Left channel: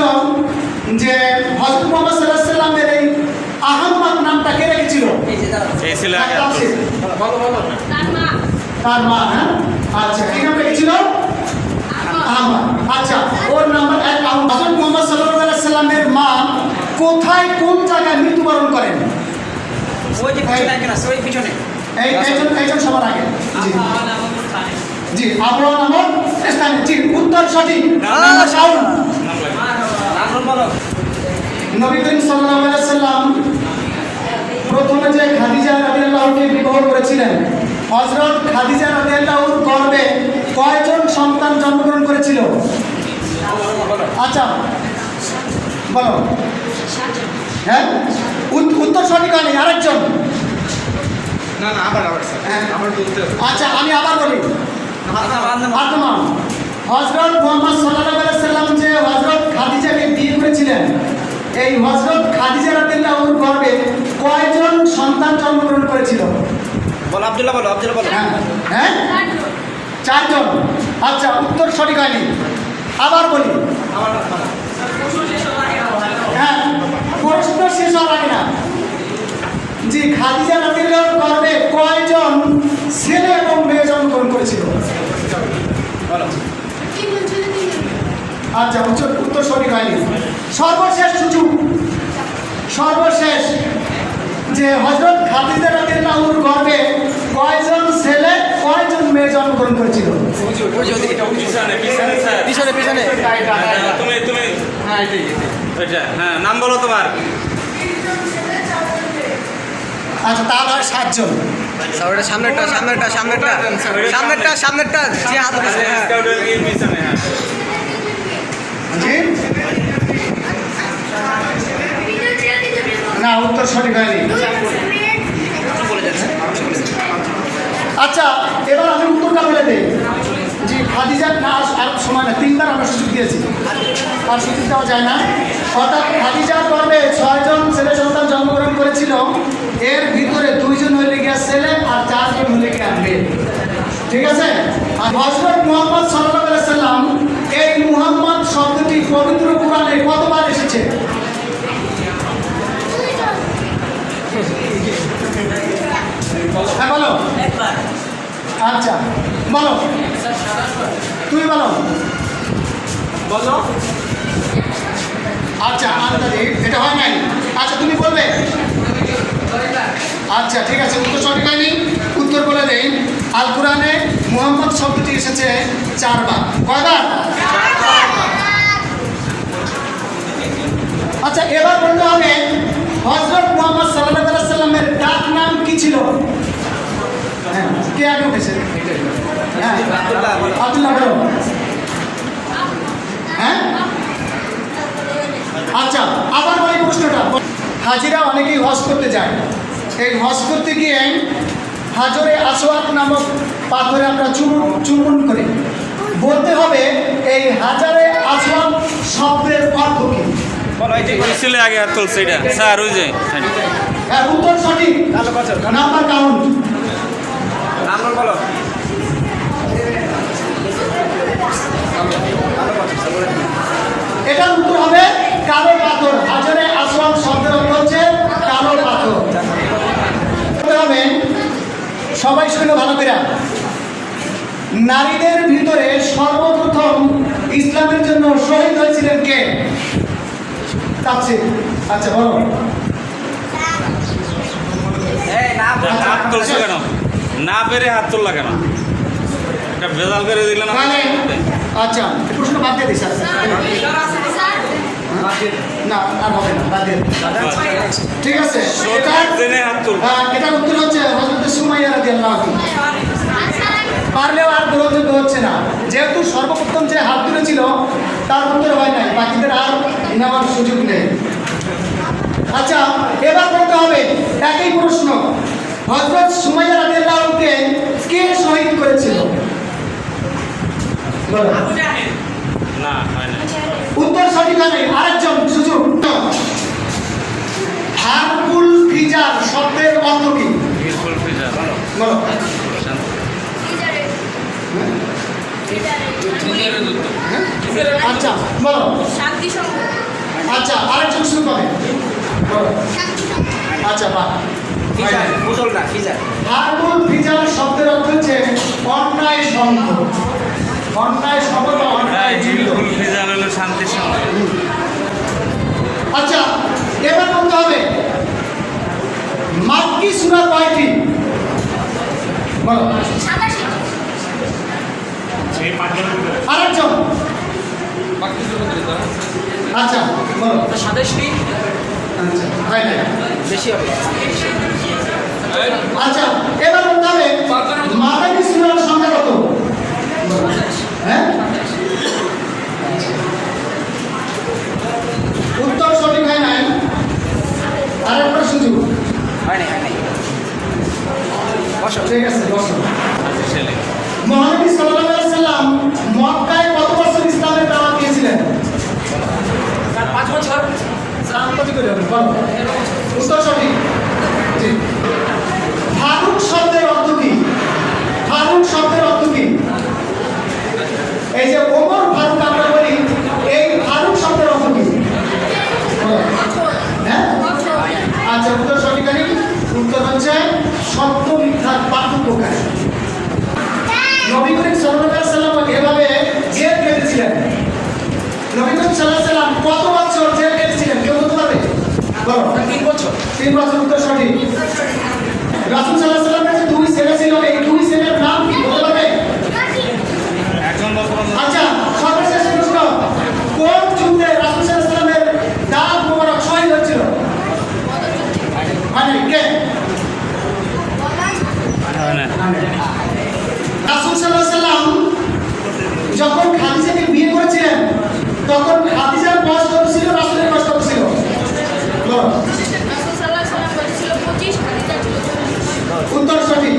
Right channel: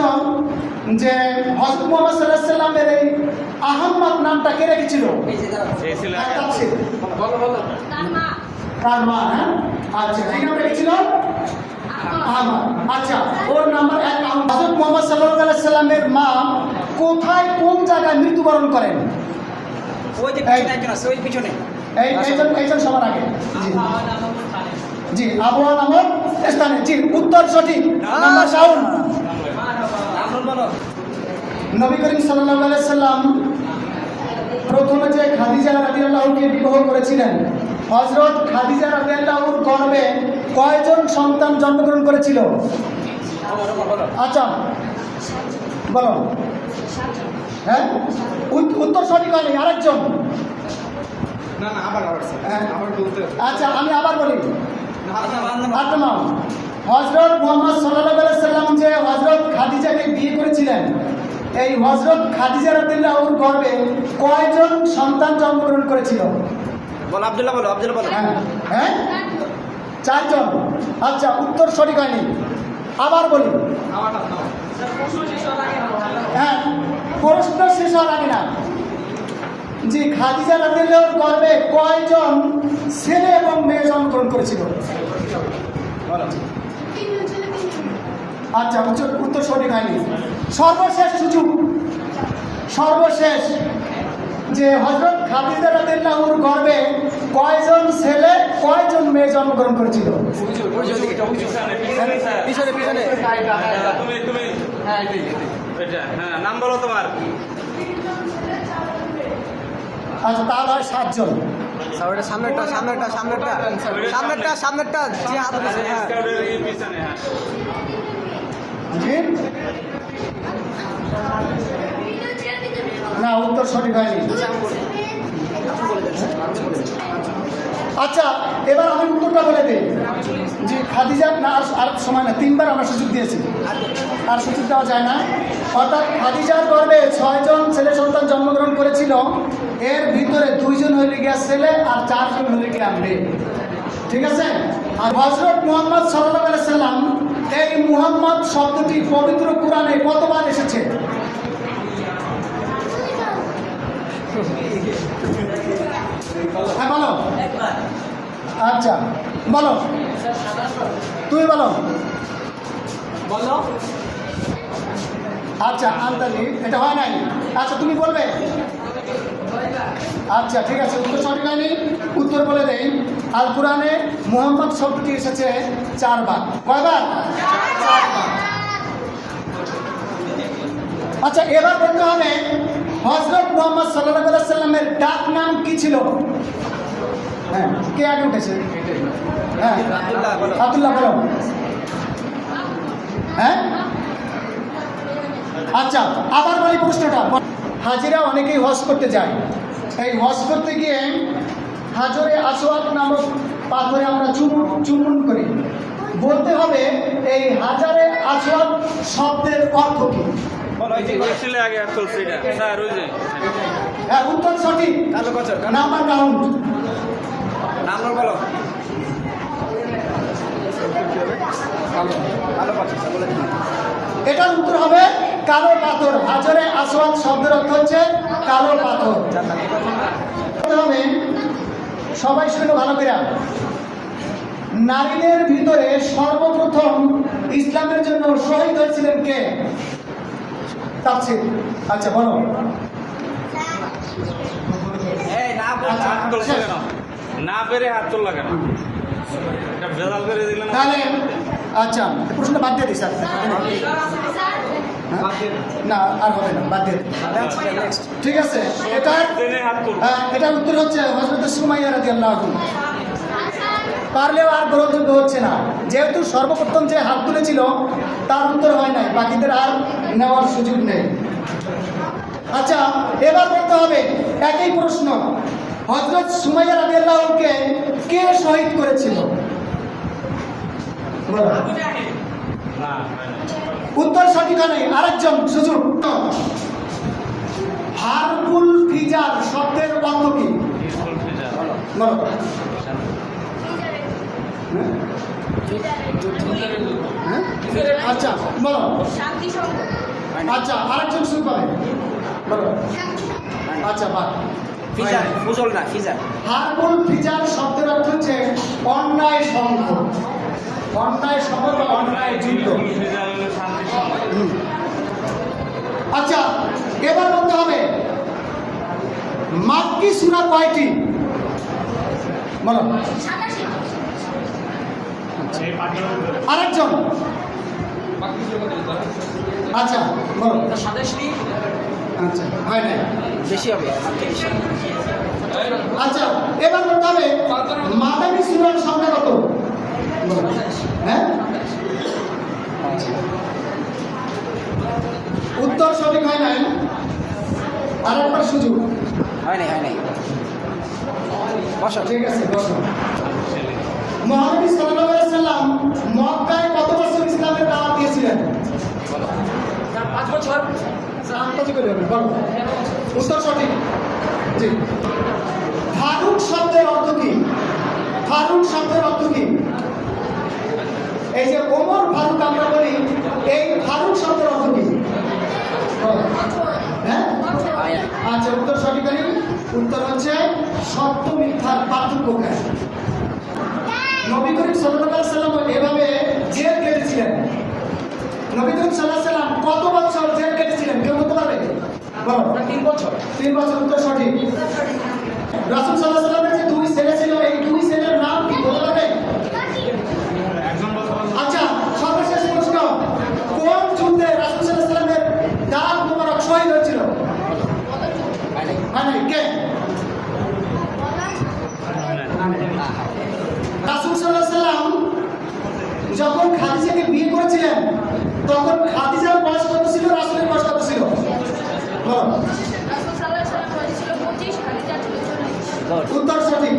প্রশ্ন যে হযরত মুহাম্মদ সাল্লাল্লাহু আলাইহি ওয়াসাল্লামের এই আহমদ নামটা কে রেখেছিল? এই ছিল আগে তার মা। হ্যাঁ, আচ্ছা, কি নাম রেখেছিল? আহমদ। আচ্ছা, ওর নাম্বার 1। হযরত মুহাম্মদ সাল্লাল্লাহু আলাইহি ওয়াসাল্লামের মা কোথায়, কোন জায়গায় মৃত্যুবরণ করেন? ওই যে পিছনে একটা আছে, ওই পিছনে এইজন সবার আগে। জি, আবওয়া নামক স্থানে। জি, উত্তর সঠিক। নাম্বার শাউন। নাম বলো। নবী করিম সাল্লাল্লাহু আলাইহি ওয়াসাল্লাম প্রথমে যে খাদিজা রাদিয়াল্লাহুকে বিবাহ করেছিলেন, হযরত খাদিজা রাদিয়াল্লাহুর গর্ভে কয়জন সন্তান জন্মগ্রহণ করেছিল? আচ্ছা, বলো। হ্যাঁ, উত্তর সঠিক হয়নি, আরেকজন। না আবার স্যার আবার বলতে হবে। আচ্ছা, আমি আবার বলি। হযরত মুহাম্মদ সাল্লাল্লাহু আলাইহি ওয়াসাল্লাম যে হযরত খাদিজাকে বিয়ে করেছিলেন, এই হযরত খাদিজা রাদিয়াল্লাহুর গর্ভে কয়জন সন্তান জন্মগ্রহণ করেছিল? বলো আব্দুল্লাহ, বলো আব্দুল্লাহ, বলো। হ্যাঁ, হ্যাঁ, 4 জন। আচ্ছা, উত্তর সঠিক হয়নি, আবার বলি। হ্যাঁ, প্রশ্ন শেষ হওয়ার আগে না। জি, খাদিজা রাদিয়াল্লাহুর গর্ভে কয়জন ছেলে এবং মেয়ে জন্মগ্রহণ করেছিল? আচ্ছা, উত্তর সঠিক হয়নি। সর্বশেষ সুযোগ, সর্বশেষ, যে হযরত খাদিজা রাদিয়াল্লাহুর গর্ভে কয়জন ছেলে কয়জন মেয়ে জন্মগ্রহণ করেছিল? পিছনে তুমি হ্যাঁ ওইটা, হ্যাঁ, নাম বলো তোমার। আচ্ছা, তাহলে হয় 7 জন। সামনেরটা যে হাত দিছে, হ্যাঁ। পিছনে, হ্যাঁ। জি, না, উত্তর সঠিক হয়নি। আচ্ছা, এবার আমি উত্তরটা বলে দিই। জি, খাদিজা, না আর সময় না, 3বার আমরা সুযোগ দিয়েছি, আর সুযোগ দেওয়া যায় না। অর্থাৎ খাদিজার গর্ভে 6 জন ছেলে সন্তান জন্মগ্রহণ করেছিল, এর ভিতরে 2 জন হইলে গিয়া ছেলে আর 4 জন হইলে গিয়া মেয়ে। ঠিক আছে? আর হযরত মুহাম্মদ সাল্লাল্লাহু আলাইহি ওয়াসাল্লাম, এই মুহাম্মদ শব্দটি পবিত্র কোরআনে কতবার এসেছে? হ্যাঁ, বলো। আচ্ছা, বলো, তুমি বলো। আচ্ছা, আন্দাজি এটা হয় নাই। আচ্ছা, তুমি বলবে। আচ্ছা, ঠিক আছে, উত্তর সঠিক হয়নি। উত্তর বলে দেই। আল কোরআনে মুহাম্মদ শব্দটি এসেছে 4 বার। কয়বার? 4 বার। আচ্ছা, এবার বলতে হবে হযরত মুহাম্মদ সাল্লাল্লাহু আলাইহি ওয়াসাল্লামের ডাক নাম কি ছিল? হ্যাঁ, কে আগে উঠেছে? হ্যাঁ, আব্দুল্লাহ, বলো। হ্যাঁ, আচ্ছা, আবার বলি প্রশ্নটা। হাজিরা অনেকেই হজ করতে যায়, এই হজ করতে গিয়ে হাজরে আসওয়াদ নামক পাথরে আমরা চুম্বন করি। বলতে হবে এই হাজারে আসওয়াদ শব্দের অর্থ কি? ওই ছিল আগে হাত তুলছে এটা, স্যার, ওই যে। হ্যাঁ, উত্তর সঠিক। Number count. নাম বলো। এটার উত্তর হবে কালো পাথর। হাজারে আসওয়াদ শব্দের অর্থ হচ্ছে কালো পাথর। হবে সবাই শুনে ভালো করে। নারীদের ভিতরে সর্বপ্রথম ইসলামের জন্য শহীদ হয়েছিলেন কে? তাফসীর। আচ্ছা, বলো। হাত তুলছো কেন? না পেরে হাত তুললা কেন? এটা ভেজাল করে দিল না। আচ্ছা, প্রশ্নটা বাদ দিয়ে দিই স্যার। না, আর হবে না, বাদ দিয়ে দিই। ঠিক আছে, এটার উত্তর হচ্ছে হযরত সুমাইয়া রাদিয়াল্লাহু আনহা। পারলেও আর গ্রহণযোগ্য হচ্ছে না, যেহেতু সর্বপ্রথম যে হাত তুলেছিল তার উত্তর হয় নাই, বাকিদের আর নেওয়ার সুযোগ নেই। আচ্ছা, এবার বলতে হবে একই প্রশ্ন, হযরত সুমাইয়া রাদিয়াল্লাহু আনহাকে কে শহীদ করেছিল? না, হয় না। উত্তর সঠিক হয় নাই, আরেকজন সুযোগ। হারকুল ফিজার শব্দের অর্থ কি? বলো। আচ্ছা, বলো। শান্তি সংঘ। আচ্ছা আরেকজন শুরু করে আচ্ছা বাহ ফিজার বুঝল না ফিজার হারমুল ফিজার শব্দের অর্থ হচ্ছে অন্যায় সঙ্গ অন্যায় সঙ্গ বা অন্যায় যুক্ত। হিলফুল ফিজার হলো শান্তির সঙ্গে। আচ্ছা এবার বলতে হবে মাক্কি সূরা কয়টি বলো আরেকজন আচ্ছা বলো 27টি আচ্ছা হয় না বেশি হবে আচ্ছা এবার বলতে হবে মাদানী সূরার সংখ্যা কত হ্যাঁ উত্তর সঠিক হয় নাই আরেকবার সুযোগ হয় নাই বসো ঠিক আছে বসো ছেলে মহানবী সাল্লাল্লাহু আলাইহি সাল্লাম মক্কায় কত বছর ইসলামের দাওয়াত দিয়েছিলেন 5 বছর বলো উত্তর সঠিক জি ফারুক শব্দের অর্থ কি ফারুক শব্দের অর্থ কি এই যে ওমর ফারুক আমরা বলি এই ফারুক শব্দের অর্থ কি বলো। হ্যাঁ আচ্ছা উত্তর সঠিক আনি উত্তর হচ্ছে সত্য মিথ্যার পার্থক্যকারী নবী করিম সাল্লাল্লাহু আলাইহি সাল্লাম এভাবে জেল কেটেছিলেন নবী করিম সাল্লাল্লাহু আলাইহি সাল্লাম কত বছর জেল কেটেছিলেন কেউ বলতে পারবে বলো 3 বছর 3 বছর উত্তর সঠিক রাসূল সাল্লাল্লাহু আলাইহি সাল্লামের যে দুই ছেলে ছিল এই দুই ছেলের নাম কি বলতে পারবে একজন বলতে পারলো আচ্ছা সর্বশেষ প্রশ্ন কোন যুদ্ধে রাসূল সাল্লাল্লাহু আলাইহি সাল্লামের দাঁত মোবারক শহীদ হয়েছিল মানে কে রাসূল সাল্লাল্লাহু আলাইহি সাল্লাম যখন খাদিজাকে বিয়ে করেছিলেন তখন খাদিজার বয়স কত ছিল রাসূলের বয়স কত ছিল বলো উত্তর সঠিক